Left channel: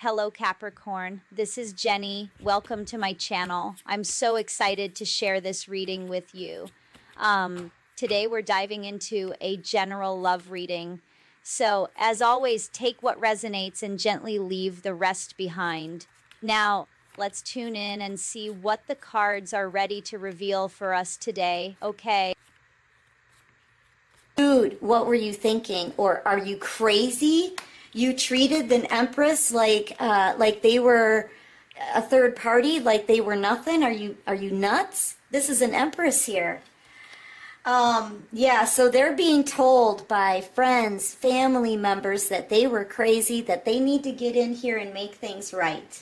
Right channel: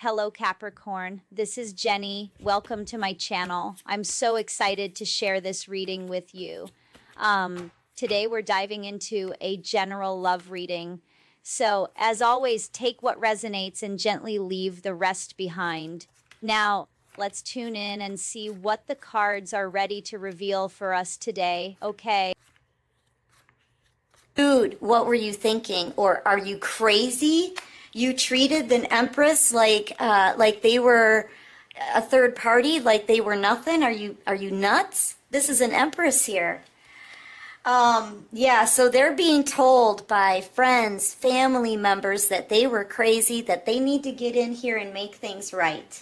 Hello, Capricorn. This is Jenny. Welcome to my channel. I'm so excited to share this reading with you. Today, we're diving into a general love reading. So, as always, take what resonates and gently leave the rest behind. Now, let's tune in and see what the cards are ready to reveal for us today. Okay. Dude, what were you thinking? Or are you crazy? You treated an empress like they were a third party, like they were nothing. Are you nuts? This is an empress here. Yeah, so they're being told by friends, family members that they were crazy, that they need to get in here and make things right.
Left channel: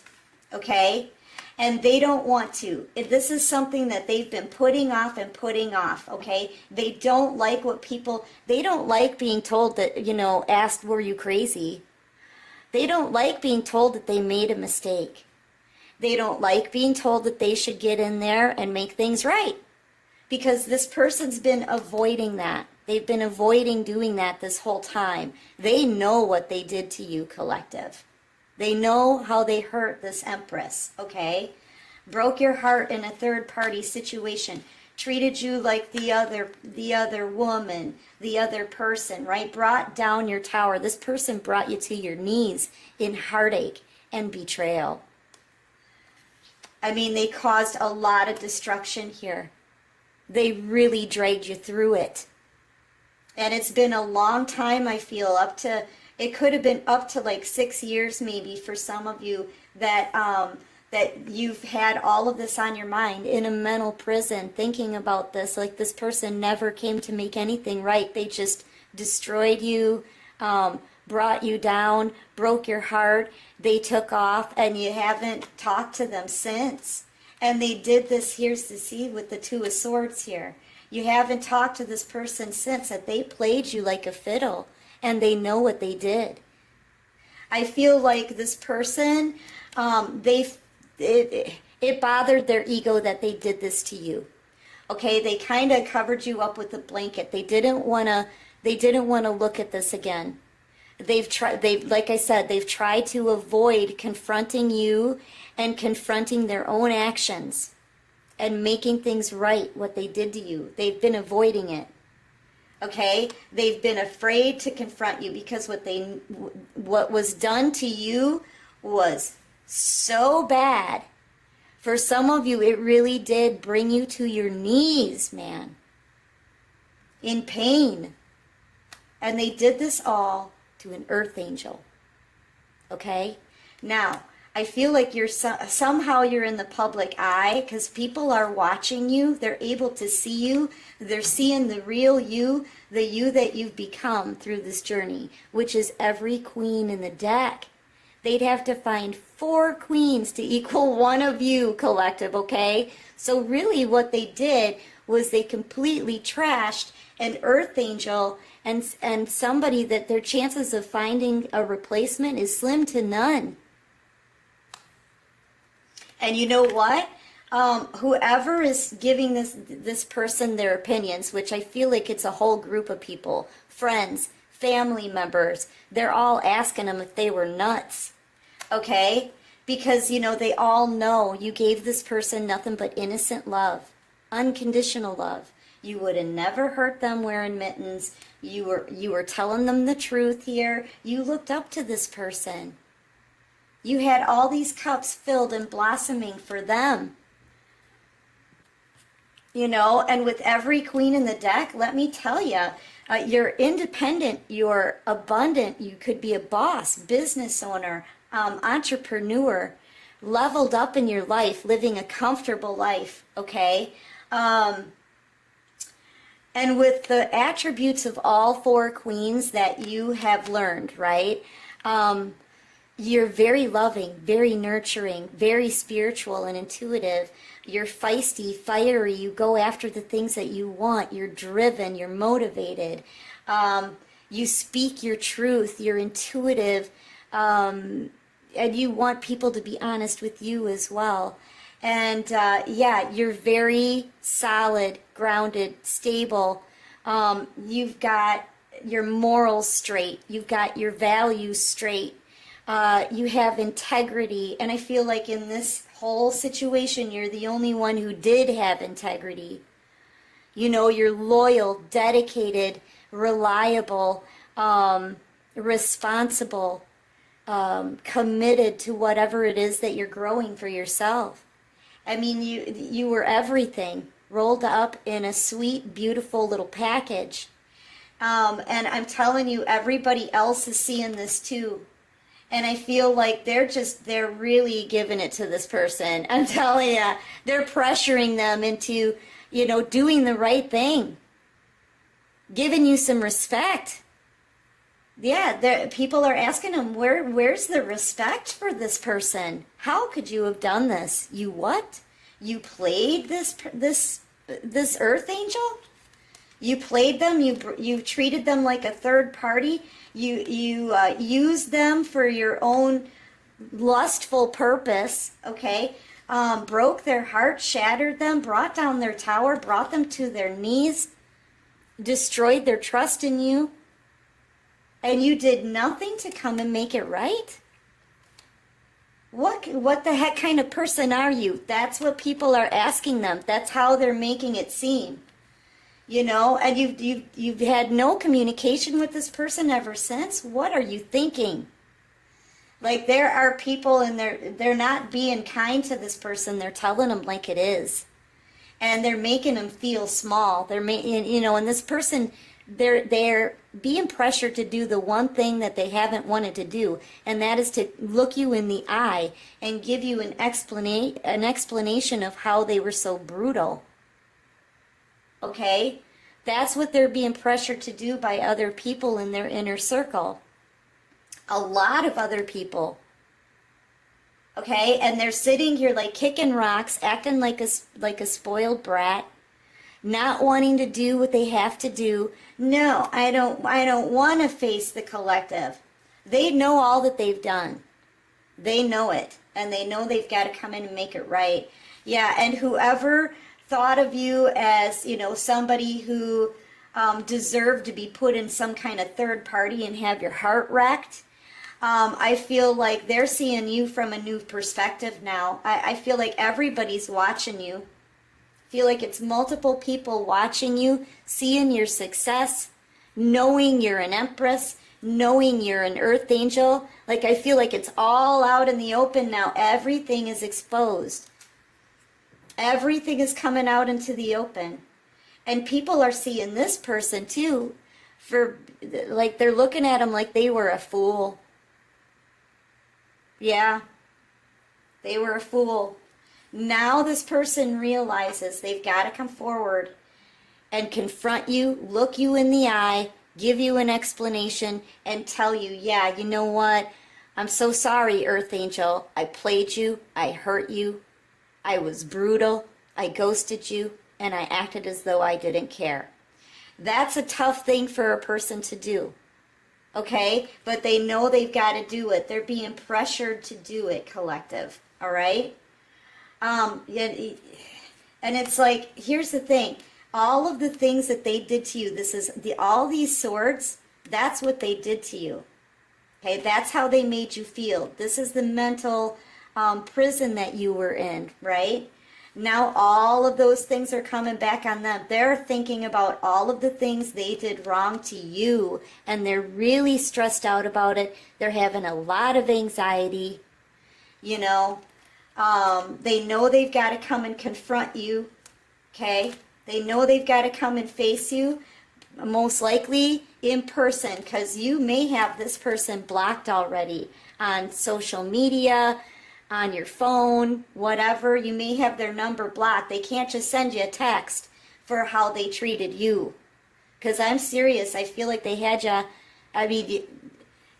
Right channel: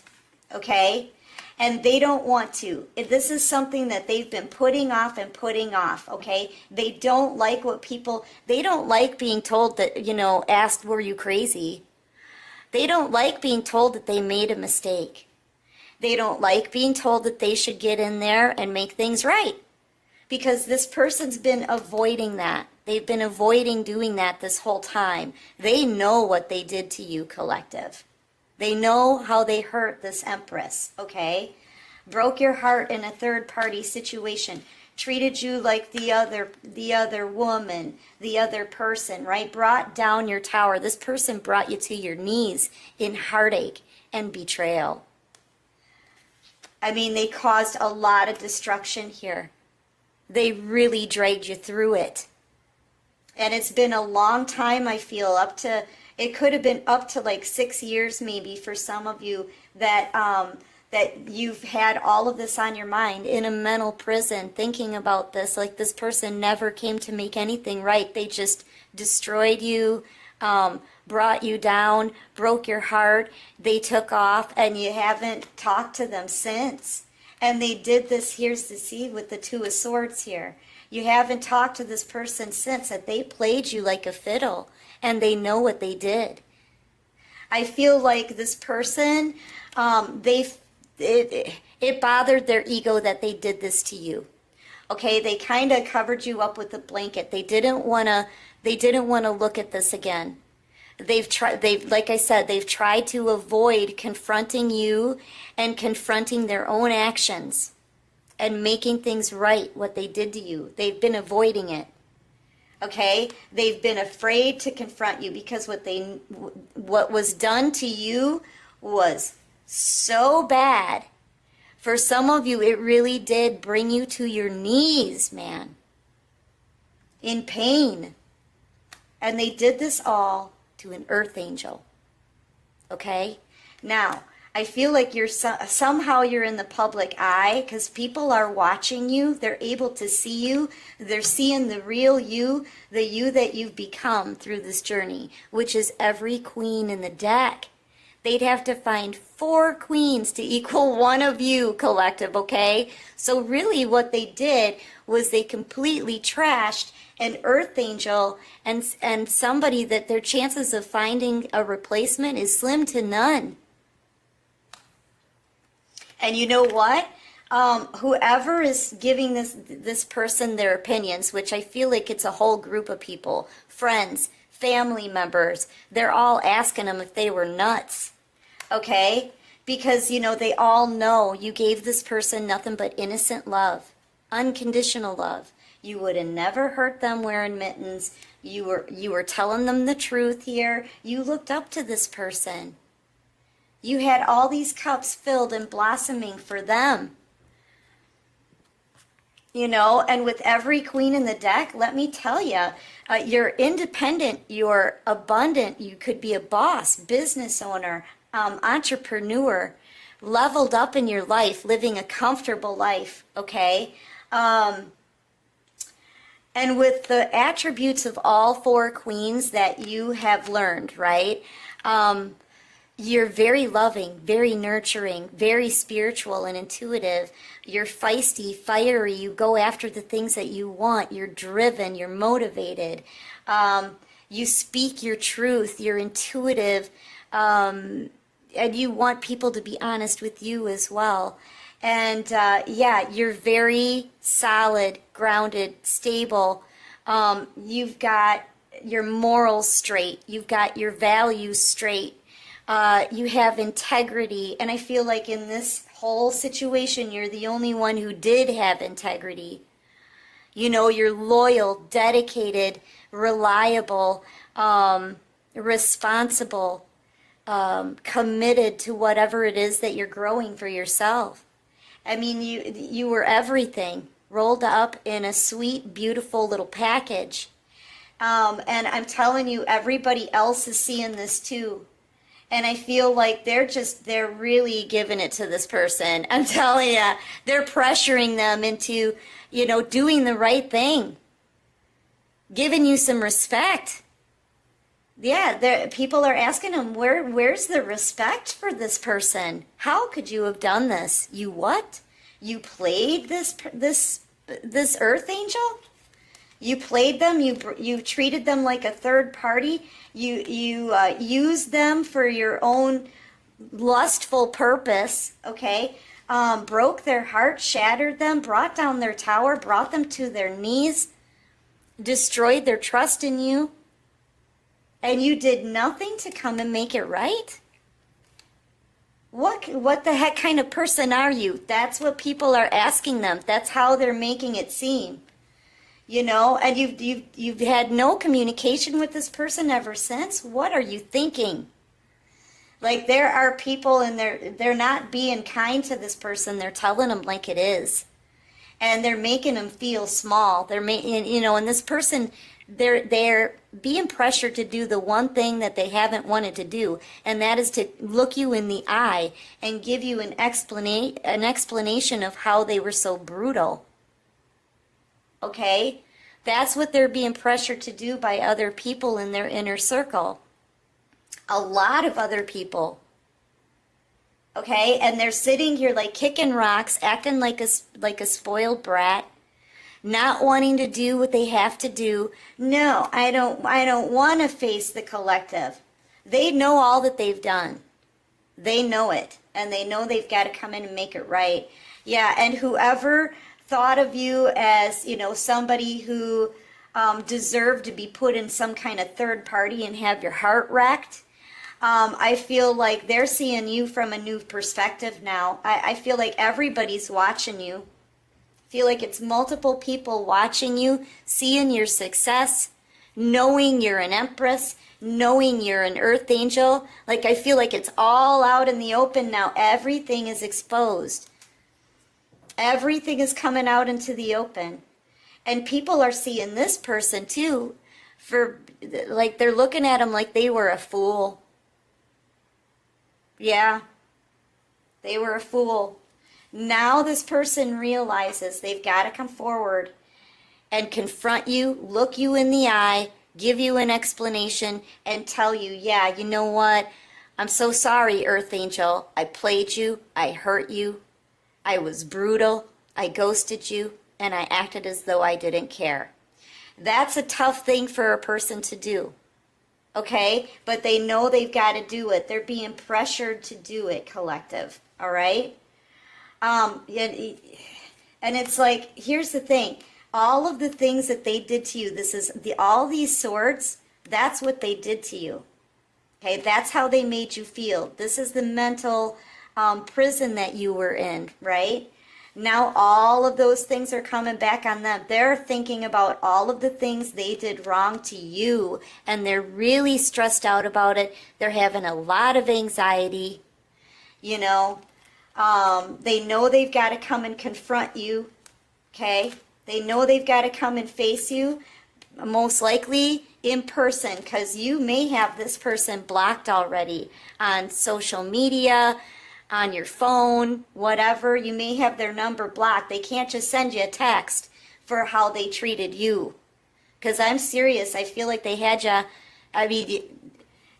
Okay? And they don't want to. And this is something that they've been putting off and putting off, okay? They don't like they don't like being told that, asked, were you crazy? They don't like being told that they made a mistake. They don't like being told that they should get in there and make things right. Because this person's been avoiding that. They've been avoiding doing that this whole time. They know what they did to you, collective. They know how they hurt this empress, okay? Broke your heart in a third-party situation. Treated you like the other woman, the other person, right? Brought down your tower. This person brought you to your knees in heartache and betrayal. I mean, they caused a lot of destruction here. They really dragged you through it. And it's been a long time, I feel, it could have been up to like 6 years maybe for some of you that you've had all of this on your mind in a mental prison thinking about this, like this person never came to make anything right. They just destroyed you, brought you down, broke your heart. They took off and you haven't talked to them since. And they did this, here's the seed with the Two of Swords here. You haven't talked to this person since, that they played you like a fiddle. And they know what they did. I feel like this person, it bothered their ego that they did this to you. Okay, they kind of covered you up with a blanket. They didn't want to look at this again. Like I said, they've tried to avoid confronting you and confronting their own actions and making things right, what they did to you. They've been avoiding it. Okay, they've been afraid to confront you because what was done to you was so bad. For some of you, it really did bring you to your knees, man, in pain. And they did this all to an earth angel. Okay, now I feel like somehow you're in the public eye because people are watching you. They're able to see you. They're seeing the real you, the you that you've become through this journey, which is every queen in the deck. They'd have to find 4 queens to equal one of you, collective, okay? So really what they did was they completely trashed an earth angel and somebody that their chances of finding a replacement is slim to none. And you know what? Whoever is giving this person their opinions, which I feel like it's a whole group of people, friends, family members, they're all asking them if they were nuts, okay? Because, they all know you gave this person nothing but innocent love, unconditional love. You would have never hurt them wearing mittens. You were telling them the truth here. You looked up to this person. You had all these cups filled and blossoming for them. And with every queen in the deck, let me tell you, you're independent, you're abundant, you could be a boss, business owner, entrepreneur, leveled up in your life, living a comfortable life, okay? And with the attributes of all 4 queens that you have learned, right? You're very loving, very nurturing, very spiritual and intuitive. You're feisty, fiery. You go after the things that you want. You're driven. You're motivated. You speak your truth. You're intuitive. And you want people to be honest with you as well. And yeah, you're very solid, grounded, stable. You've got your morals straight. You've got your values straight. You have integrity. And I feel like in this whole situation, you're the only one who did have integrity. You know, you're loyal, dedicated, reliable, responsible, committed to whatever it is that you're growing for yourself. I mean, you were everything rolled up in a sweet, beautiful little package. And I'm telling you, everybody else is seeing this too. And I feel like they're really giving it to this person. I'm telling you, they're pressuring them into, you know, doing the right thing, giving you some respect. Yeah, people are asking them, where's the respect for this person? How could you have done this? You what? You played this earth angel? You played them. You treated them like a third party. You used them for your own lustful purpose. Okay, broke their heart, shattered them, brought down their tower, brought them to their knees, destroyed their trust in you, and you did nothing to come and make it right. What the heck kind of person are you? That's what people are asking them. That's how they're making it seem. You know, and you've had no communication with this person ever since. What are you thinking? Like, there are people and they're not being kind to this person. They're telling them like it is, and they're making them feel small. They're making, you know, and this person, they're being pressured to do the one thing that they haven't wanted to do, and that is to look you in the eye and give you an explanation of how they were so brutal. Okay? That's what they're being pressured to do by other people in their inner circle. A lot of other people. Okay? And they're sitting here like kicking rocks, acting like a spoiled brat, not wanting to do what they have to do. No, I don't want to face the collective. They know all that they've done. They know it. And they know they've got to come in and make it right. Yeah, and whoever thought of you as, you know, somebody who deserved to be put in some kind of third party and have your heart wrecked, I feel like they're seeing you from a new perspective now. I feel like everybody's watching you. I feel like it's multiple people watching you, seeing your success, knowing you're an empress, knowing you're an earth angel. Like, I feel like it's all out in the open now. Everything is exposed. Everything is coming out into the open. And people are seeing this person too, for like, they're looking at them like they were a fool. Yeah, they were a fool. Now this person realizes they've got to come forward and confront you, look you in the eye, give you an explanation, and tell you, yeah, you know what? I'm so sorry, Earth Angel. I played you. I hurt you. I was brutal. I ghosted you. And I acted as though I didn't care. That's a tough thing for a person to do. Okay? But they know they've got to do it. They're being pressured to do it, collective. All right? And it's like, here's the thing. All of the things that they did to you, all these swords, that's what they did to you. Okay? That's how they made you feel. This is the mental prison that you were in, right? Now all of those things are coming back on them. They're thinking about all of the things they did wrong to you, and they're really stressed out about it. They're having a lot of anxiety, you know. They know they've got to come and confront you, okay? They know they've got to come and face you, most likely in person, because you may have this person blocked already on social media, on your phone, whatever. You may have their number blocked. They can't just send you a text for how they treated you. Because I'm serious. I feel like they had you. I mean,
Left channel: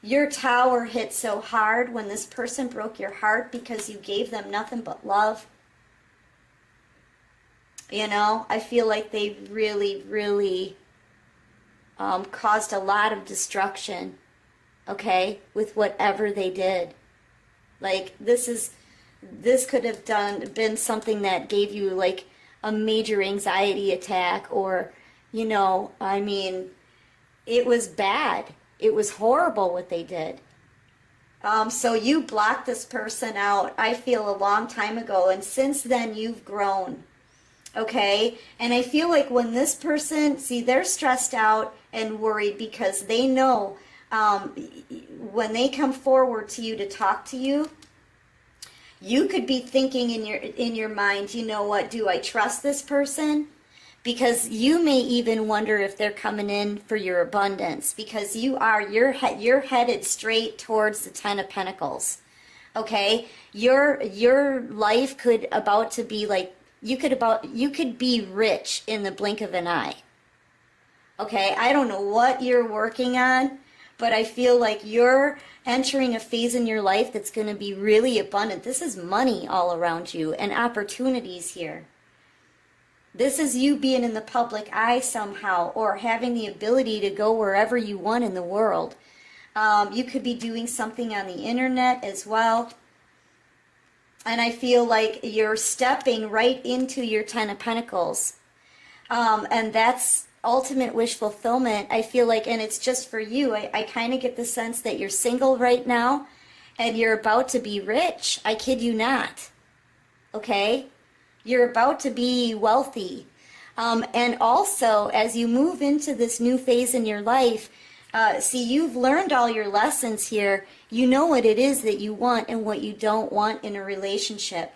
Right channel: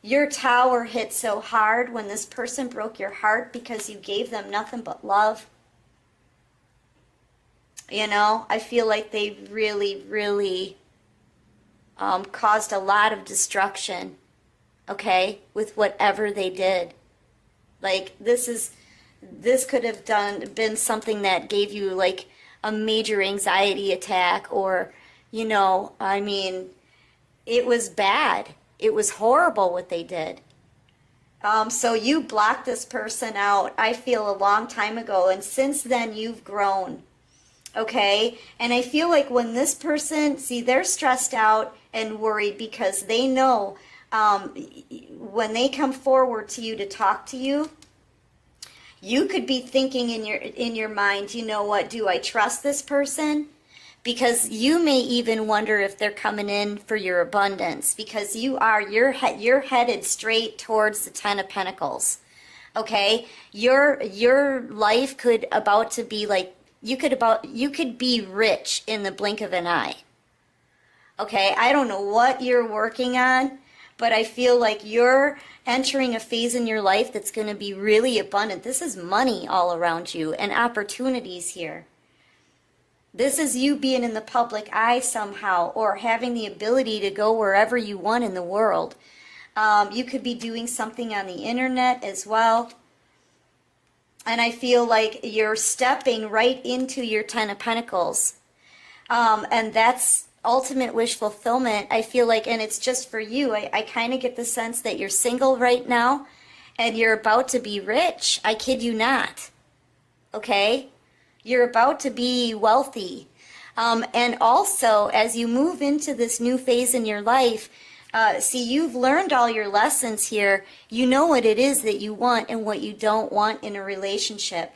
your tower hit so hard when this person broke your heart because you gave them nothing but love. You know, I feel like they really, really caused a lot of destruction, okay, with whatever they did. Like, this could have been something that gave you, like, a major anxiety attack, or, you know, I mean, it was bad. It was horrible what they did. So you blocked this person out, I feel, a long time ago. And since then, you've grown. Okay? And I feel like when this person, see, they're stressed out and worried because they know when they come forward to you to talk to you, you could be thinking in your mind, you know what, do I trust this person? Because you may even wonder if they're coming in for your abundance, because you're headed straight towards the Ten of Pentacles. Okay? Your life could about to be like, you could be rich in the blink of an eye. Okay? I don't know what you're working on, but I feel like you're entering a phase in your life that's going to be really abundant. This is money all around you and opportunities here. This is you being in the public eye somehow, or having the ability to go wherever you want in the world. You could be doing something on the internet as well. And I feel like you're stepping right into your Ten of Pentacles. And that's ultimate wish fulfillment, I feel like, and it's just for you. I kind of get the sense that you're single right now and you're about to be rich. I kid you not. Okay? You're about to be wealthy. And also, as you move into this new phase in your life, see, you've learned all your lessons here. You know what it is that you want and what you don't want in a relationship.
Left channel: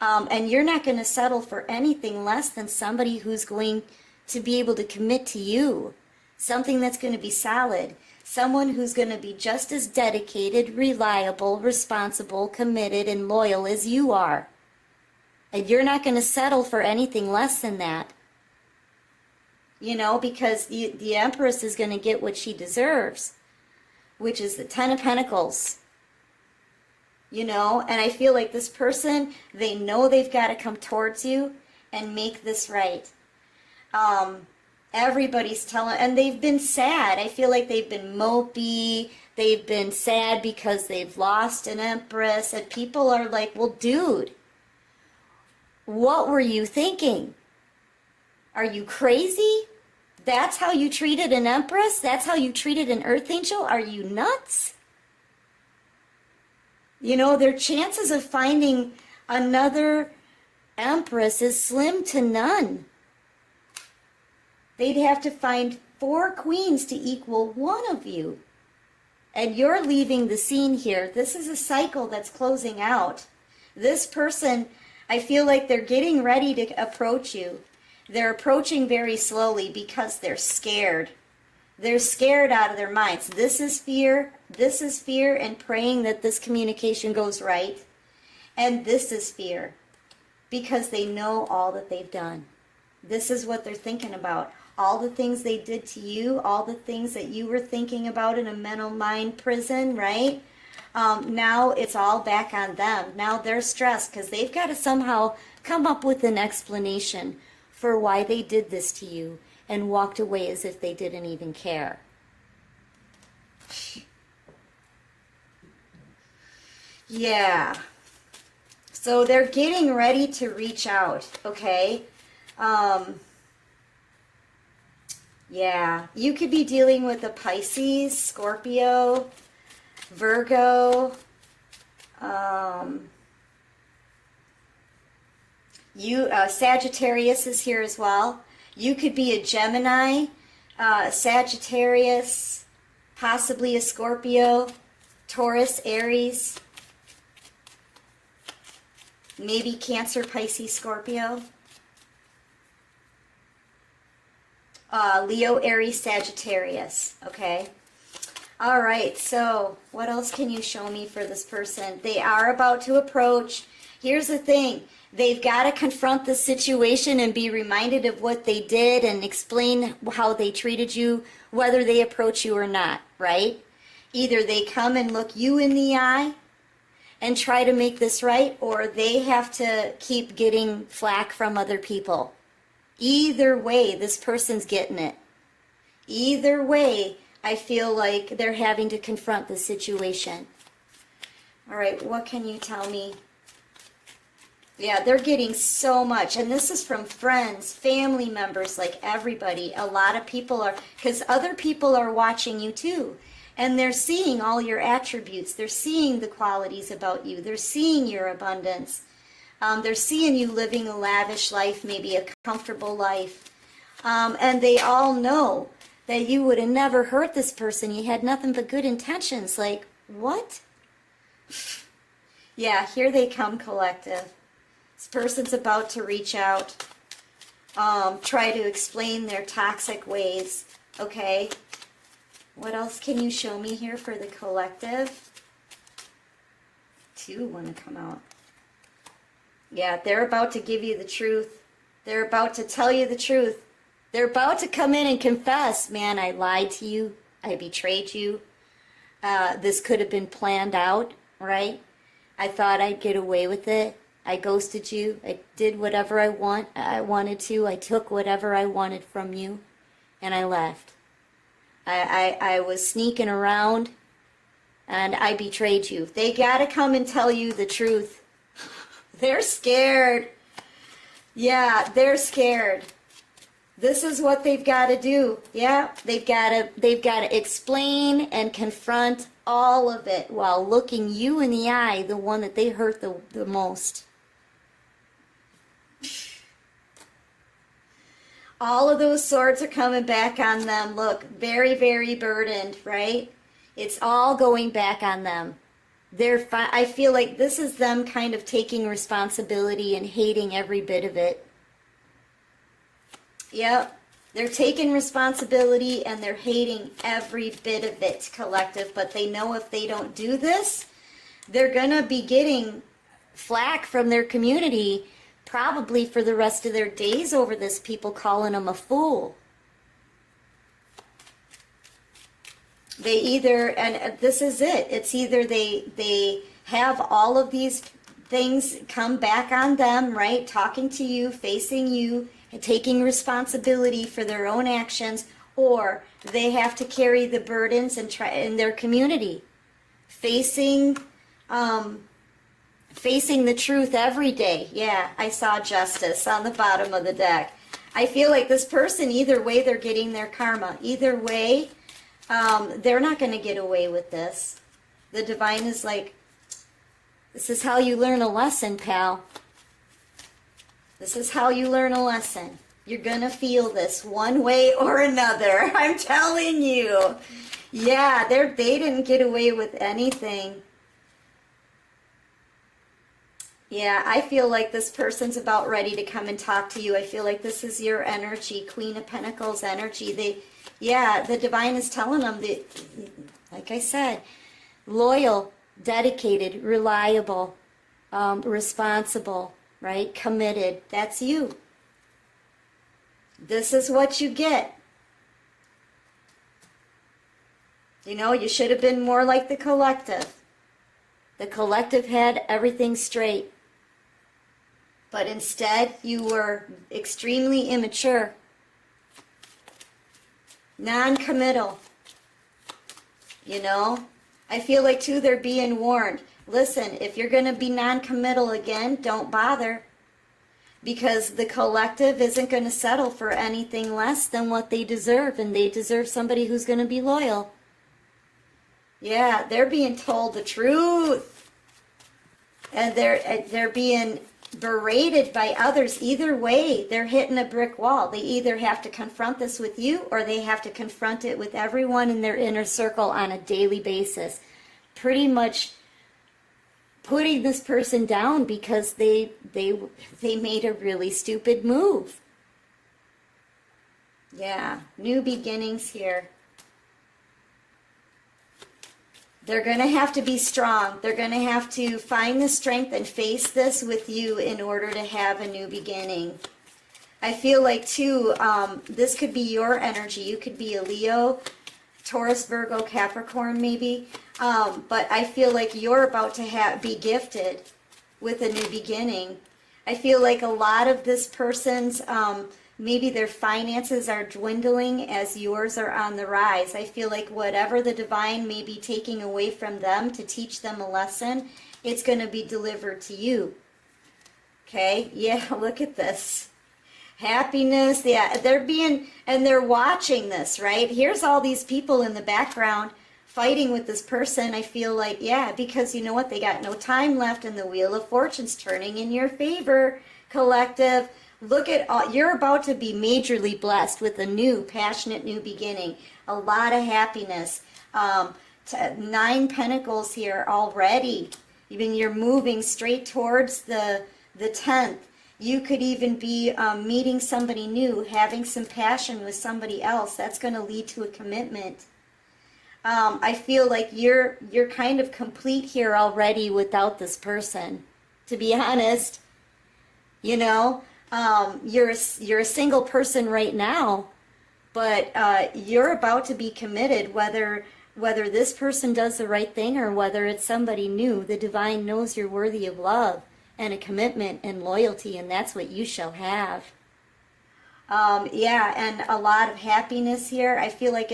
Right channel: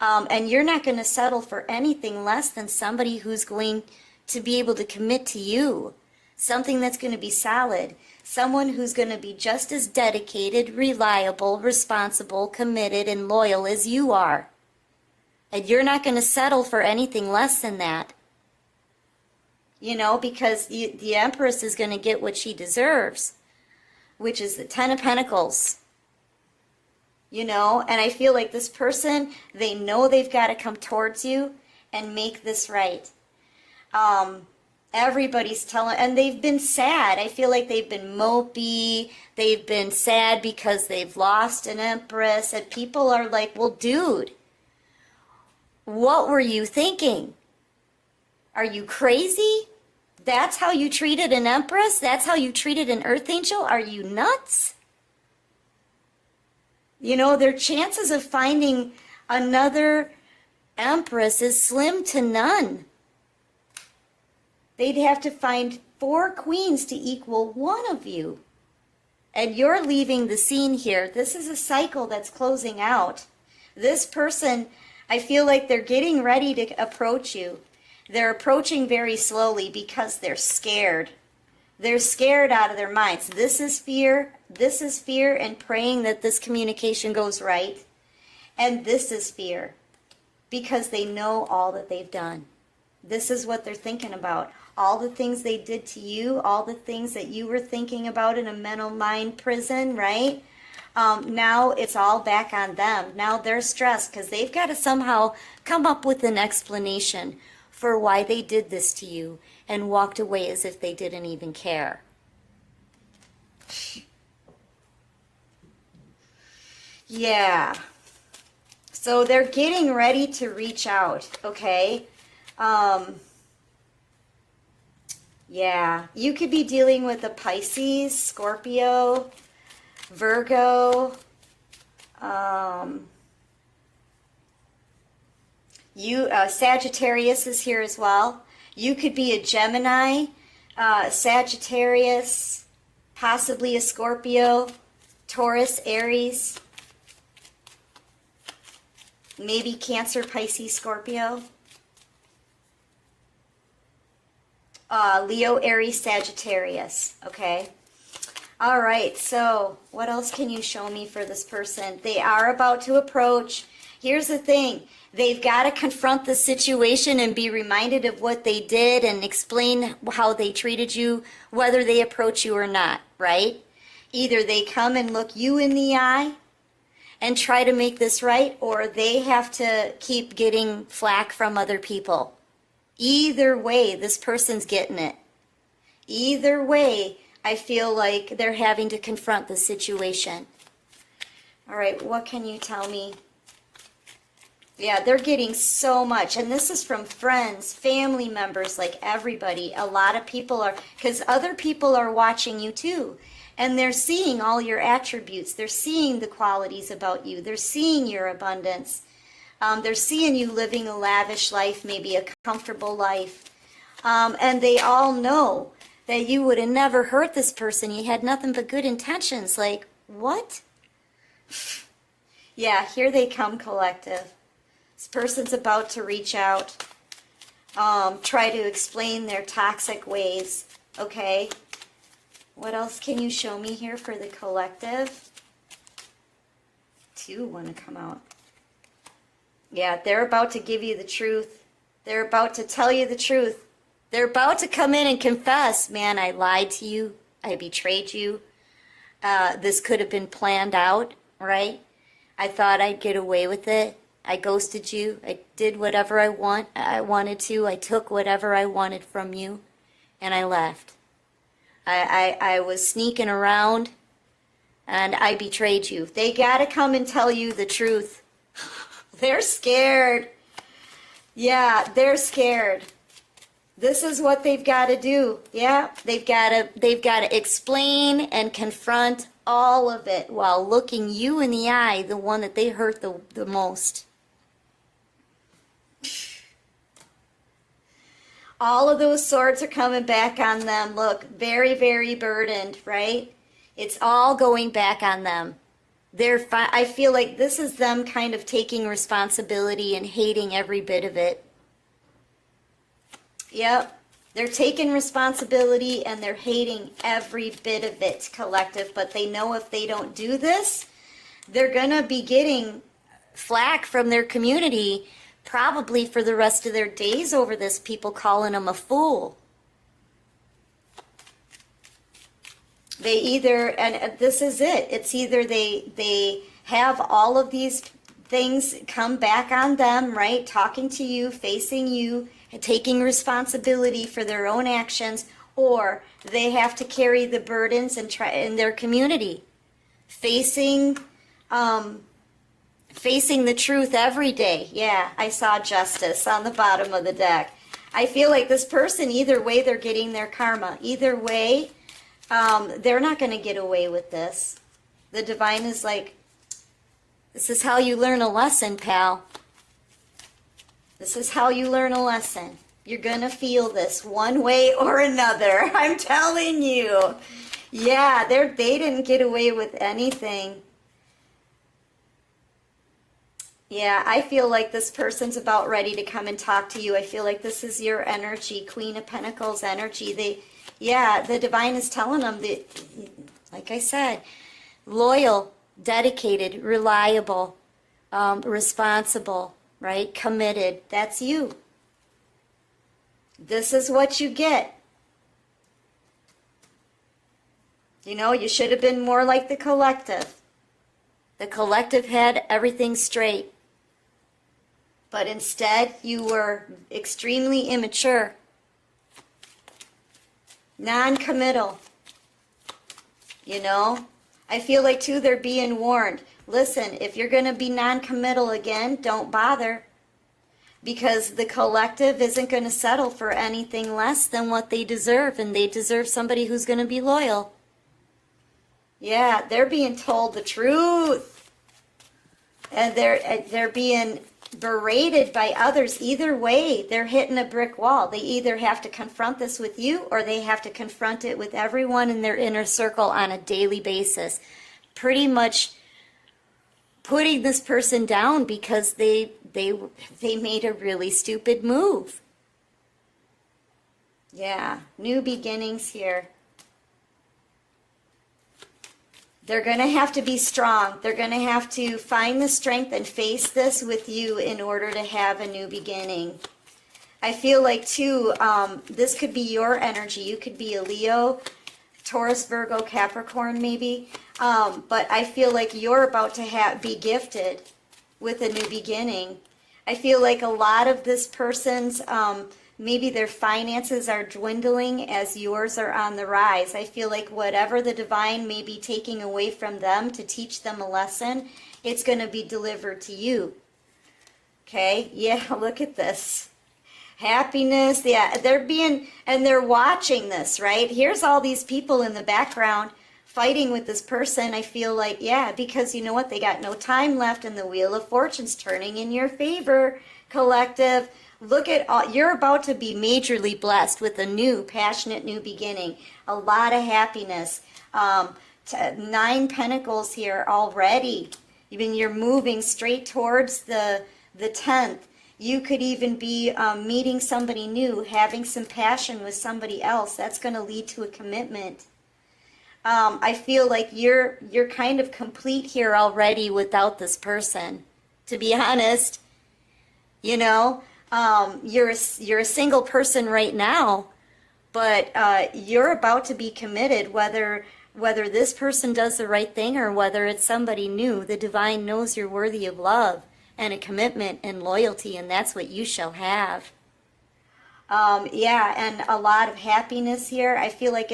And you're not going to settle for anything less than somebody who's going to be able to commit to you, something that's going to be solid, someone who's going to be just as dedicated, reliable, responsible, committed, and loyal as you are. And you're not going to settle for anything less than that, you know, because the Empress is going to get what she deserves, which is the Ten of Pentacles. You know, and I feel like this person, they know they've got to come towards you and make this right. Everybody's telling, and they've been sad. I feel like they've been mopey. They've been sad because they've lost an Empress, and people are like, well, dude, what were you thinking? Are you crazy? That's how you treated an Empress? That's how you treated an Earth Angel? Are you nuts? You know, their chances of finding another Empress is slim to none. They'd have to find 4 queens to equal one of you. And you're leaving the scene here. This is a cycle that's closing out. This person, I feel like they're getting ready to approach you. They're approaching very slowly because they're scared. They're scared out of their minds. This is fear, and praying that this communication goes right. And this is fear, because they know all that they've done. This is what they're thinking about. All the things they did to you, all the things that you were thinking about in a mental mind prison, right? Now it's all back on them. Now they're stressed because they've got to somehow come up with an explanation for why they did this to you and walked away as if they didn't even care. Yeah. So they're getting ready to reach out, okay? Yeah, you could be dealing with a Pisces, Scorpio, Virgo, Sagittarius is here as well. You could be a Gemini, Sagittarius, possibly a Scorpio, Taurus, Aries, maybe Cancer, Pisces, Scorpio. Leo, Aries, Sagittarius, okay? All right, so what else can you show me for this person? They are about to approach. Here's the thing. They've got to confront the situation and be reminded of what they did and explain how they treated you, whether they approach you or not, right? Either they come and look you in the eye and try to make this right, or they have to keep getting flack from other people. Either way, this person's getting it. Either way, I feel like they're having to confront the situation. All right, what can you tell me? Yeah, they're getting so much. And this is from friends, family members, like everybody. A lot of people are, because other people are watching you too. And they're seeing all your attributes. They're seeing the qualities about you. They're seeing your abundance. They're seeing you living a lavish life, maybe a comfortable life. And they all know that you would have never hurt this person. You had nothing but good intentions. Like, what? Yeah, here they come, collective. This person's about to reach out, try to explain their toxic ways. Okay. What else can you show me here for the collective? 2 want to come out. Yeah, they're about to give you the truth. They're about to tell you the truth. They're about to come in and confess, man, I lied to you. I betrayed you. This could have been planned out, right? I thought I'd get away with it. I ghosted you. I did whatever I wanted to. I took whatever I wanted from you, and I left. I was sneaking around, and I betrayed you. They got to come and tell you the truth. They're scared. Yeah, they're scared. This is what they've got to do. Yeah, they've got to explain and confront all of it while looking you in the eye, the one that they hurt the most. All of those swords are coming back on them. Look, very, very burdened, right? It's all going back on them. I feel like this is them kind of taking responsibility and hating every bit of it. Yep. They're taking responsibility and they're hating every bit of it, collective. But they know if they don't do this, they're going to be getting flack from their community probably for the rest of their days over this, people calling them a fool. They either, and this is it, it's either they have all of these things come back on them, right? Talking to you, facing you, taking responsibility for their own actions, or they have to carry the burdens and try in their community, facing the truth every day. Yeah, I saw justice on the bottom of the deck. I feel like this person, either way, they're getting their karma. Either way, they're not going to get away with this. The divine is like, this is how you learn a lesson, pal. This is how you learn a lesson. You're going to feel this one way or another. I'm telling you. Yeah, they didn't get away with anything. Yeah, I feel like this person's about ready to come and talk to you. I feel like this is your energy, Queen of Pentacles energy. The divine is telling them that, like I said, loyal, dedicated, reliable, responsible, right? Committed. That's you. This is what you get. You know, you should have been more like the collective. The collective had everything straight. But instead, you were extremely immature. Non-committal. You know? I feel like, too, they're being warned. Listen, if you're going to be non-committal again, don't bother. Because the collective isn't going to settle for anything less than what they deserve. And they deserve somebody who's going to be loyal. Yeah, they're being told the truth. They're being berated by others. Either way, they're hitting a brick wall. They either have to confront this with you, or they have to confront it with everyone in their inner circle on a daily basis. Pretty much putting this person down because they made a really stupid move. Yeah, new beginnings here. They're going to have to be strong. They're going to have to find the strength and face this with you in order to have a new beginning. I feel like, too, this could be your energy. You could be a Leo, Taurus, Virgo, Capricorn, maybe. But I feel like you're about to be gifted with a new beginning. I feel like a lot of this person's... maybe their finances are dwindling as yours are on the rise. I feel like whatever the divine may be taking away from them to teach them a lesson, it's going to be delivered to you. Okay? Yeah, look at this. Happiness. Yeah, they're watching this, right? Here's all these people in the background fighting with this person. I feel like, yeah, because you know what? They got no time left and the Wheel of Fortune's turning in your favor, collective. Look at all, you're about to be majorly blessed with a new, passionate new beginning. A lot of happiness. 9 Pentacles here already. Even you're moving straight towards the 10th. You could even be meeting somebody new, having some passion with somebody else. That's going to lead to a commitment. I feel like you're kind of complete here already without this person. To be honest, you know, you're a single person right now, but you're about to be committed. Whether this person does the right thing or whether it's somebody new, the divine knows you're worthy of love and a commitment and loyalty, and that's what you shall have. Yeah, and a lot of happiness here. I feel like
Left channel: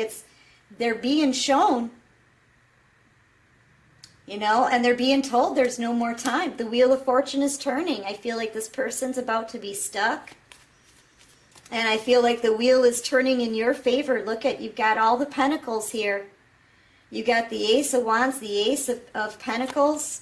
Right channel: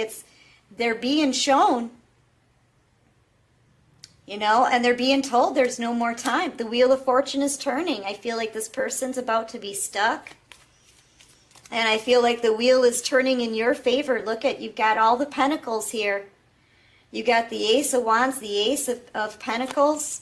they're being shown, you know, and they're being told there's no more time. The Wheel of Fortune is turning. I feel like this person's about to be stuck. And I feel like the wheel is turning in your favor. Look at, you've got all the pentacles here. You got the Ace of Wands, the Ace of Pentacles.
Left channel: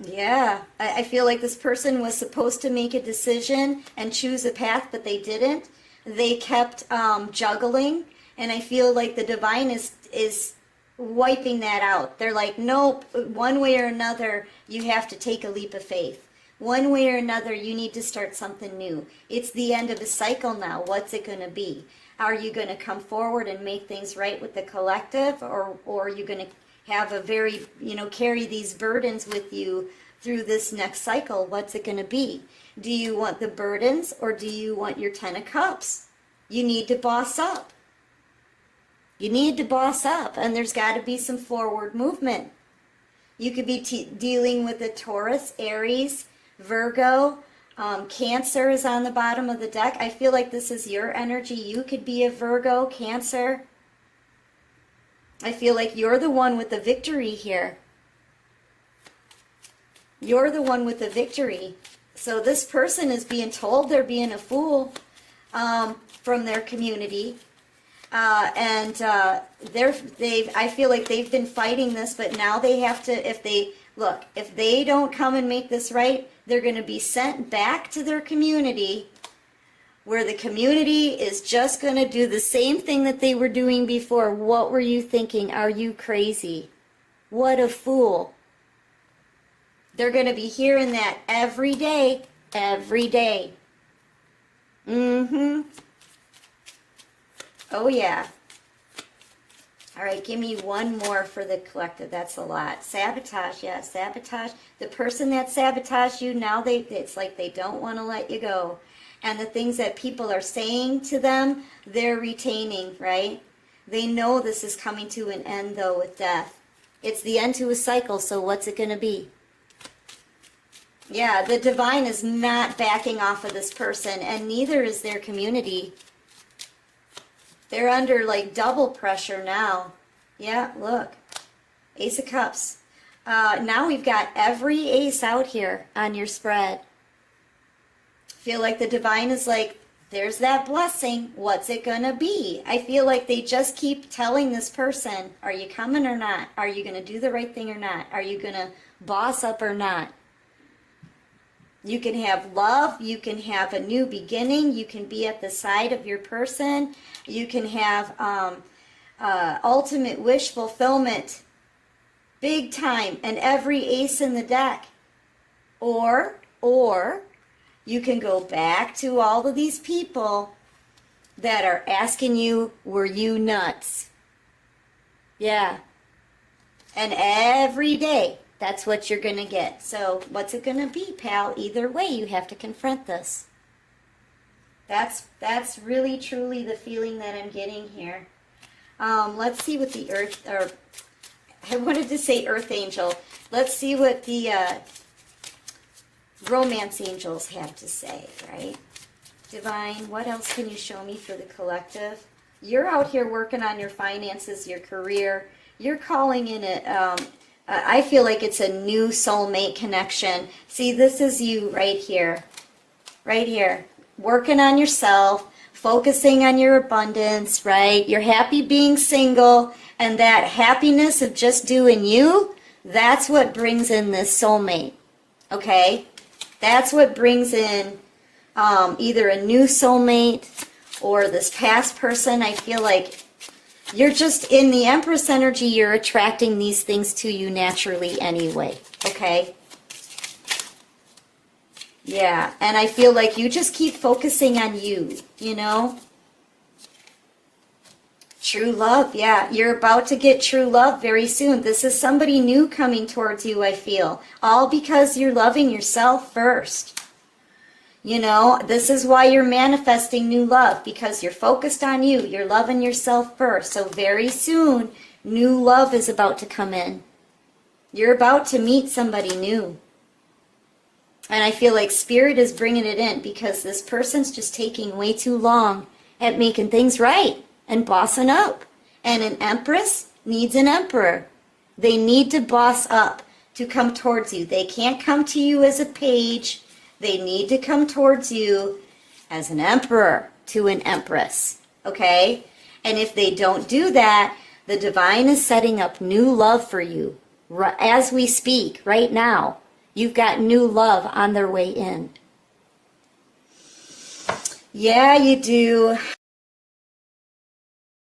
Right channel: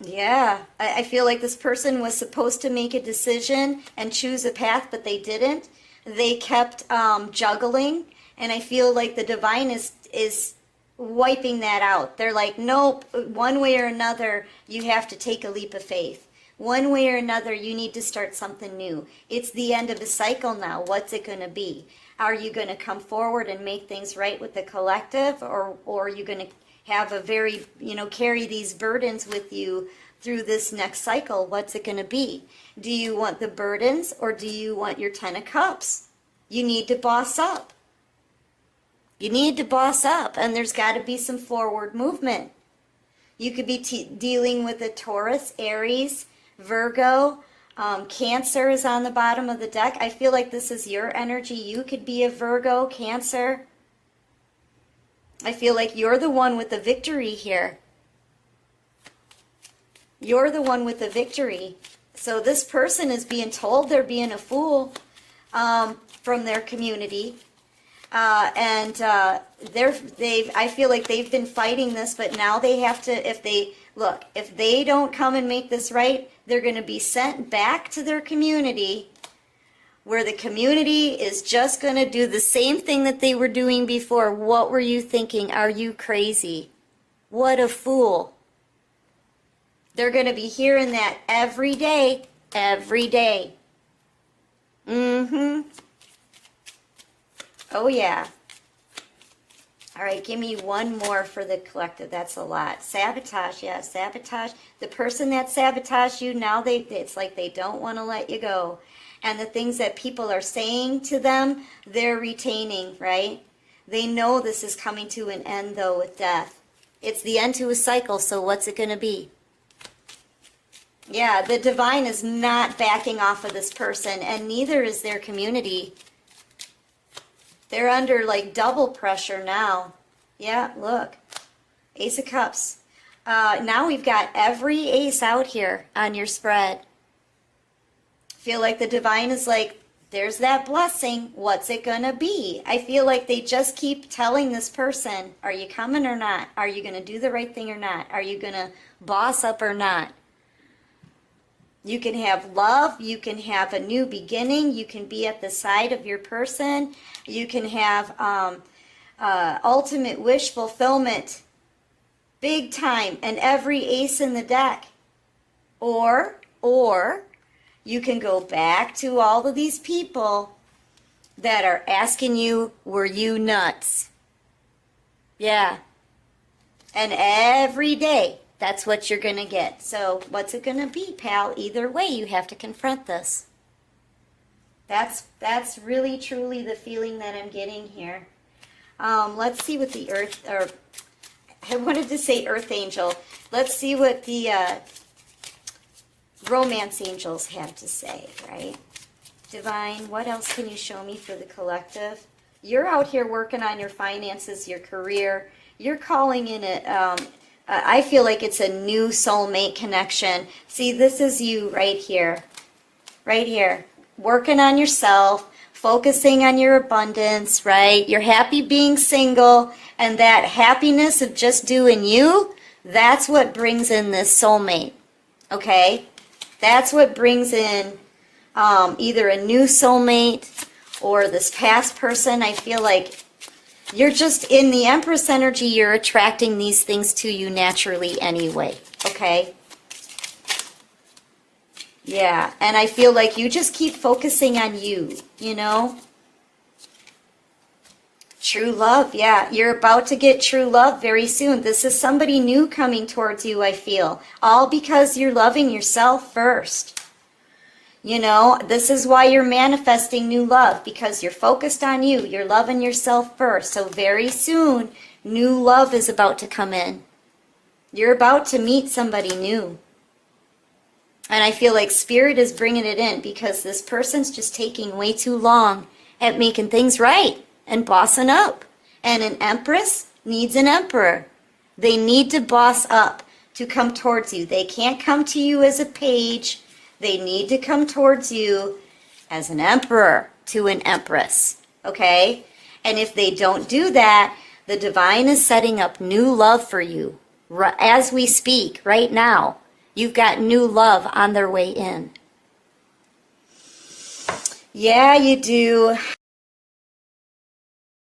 Yeah, I feel like this person was supposed to make a decision and choose a path, but they didn't. They kept juggling, and I feel like the divine is wiping that out. They're like, nope, one way or another, you have to take a leap of faith. One way or another, you need to start something new. It's the end of a cycle now. What's it going to be? Are you going to come forward and make things right with the collective, or are you going to have a very, you know, carry these burdens with you through this next cycle? What's it going to be? Do you want the burdens, or do you want your 10 of Cups? You need to boss up. You need to boss up, and there's got to be some forward movement. You could be dealing with a Taurus, Aries, Virgo, Cancer is on the bottom of the deck. I feel like this is your energy. You could be a Virgo, Cancer. I feel like you're the one with the victory here. You're the one with the victory. So this person is being told they're being a fool from their community. I feel like they've been fighting this, but now they have to, if they don't come and make this right, they're going to be sent back to their community, where the community is just going to do the same thing that they were doing before. What were you thinking? Are you crazy? What a fool. They're going to be hearing that every day, every day. Mm-hmm. Oh, yeah. All right, give me one more for the collective. That's a lot. Sabotage, yeah, sabotage. The person that sabotaged you, now it's like they don't want to let you go. And the things that people are saying to them, they're retaining, right? They know this is coming to an end, though, with death. It's the end to a cycle, so what's it going to be? Yeah, the divine is not backing off of this person, and neither is their community. They're under, like, double pressure now. Yeah, look. Ace of Cups. Now we've got every ace out here on your spread. Feel like the divine is like, there's that blessing. What's it going to be? I feel like they just keep telling this person, are you coming or not? Are you going to do the right thing or not? Are you going to boss up or not? You can have love. You can have a new beginning. You can be at the side of your person. You can have ultimate wish fulfillment. Big time. And every ace in the deck. Or you can go back to all of these people that are asking you, were you nuts? Yeah. And every day, that's what you're going to get. So what's it going to be, pal? Either way, you have to confront this. That's really, truly the feeling that I'm getting here. Let's see what the earth, I wanted to say earth angel. Let's see what the romance angels have to say, right? Divine, what else can you show me for the collective? You're out here working on your finances, your career. You're calling in it, I feel like it's a new soulmate connection. See, this is you right here. Right here. Working on yourself, focusing on your abundance, right? You're happy being single, and that happiness of just doing you, that's what brings in this soulmate, okay? That's what brings in either a new soulmate or this past person. I feel like you're just in the Empress energy, you're attracting these things to you naturally anyway, okay? Yeah, and I feel like you just keep focusing on you, you know? True love, yeah. You're about to get true love very soon. This is somebody new coming towards you, I feel. All because you're loving yourself first. You know, this is why you're manifesting new love, because you're focused on you. You're loving yourself first. So very soon, new love is about to come in. You're about to meet somebody new. And I feel like Spirit is bringing it in because this person's just taking way too long at making things right and bossing up. And an Empress needs an Emperor. They need to boss up to come towards you. They can't come to you as a page. They need to come towards you as an Emperor to an Empress. Okay? And if they don't do that, the Divine is setting up new love for you as we speak right now. You've got new love on their way in. Yeah, you do.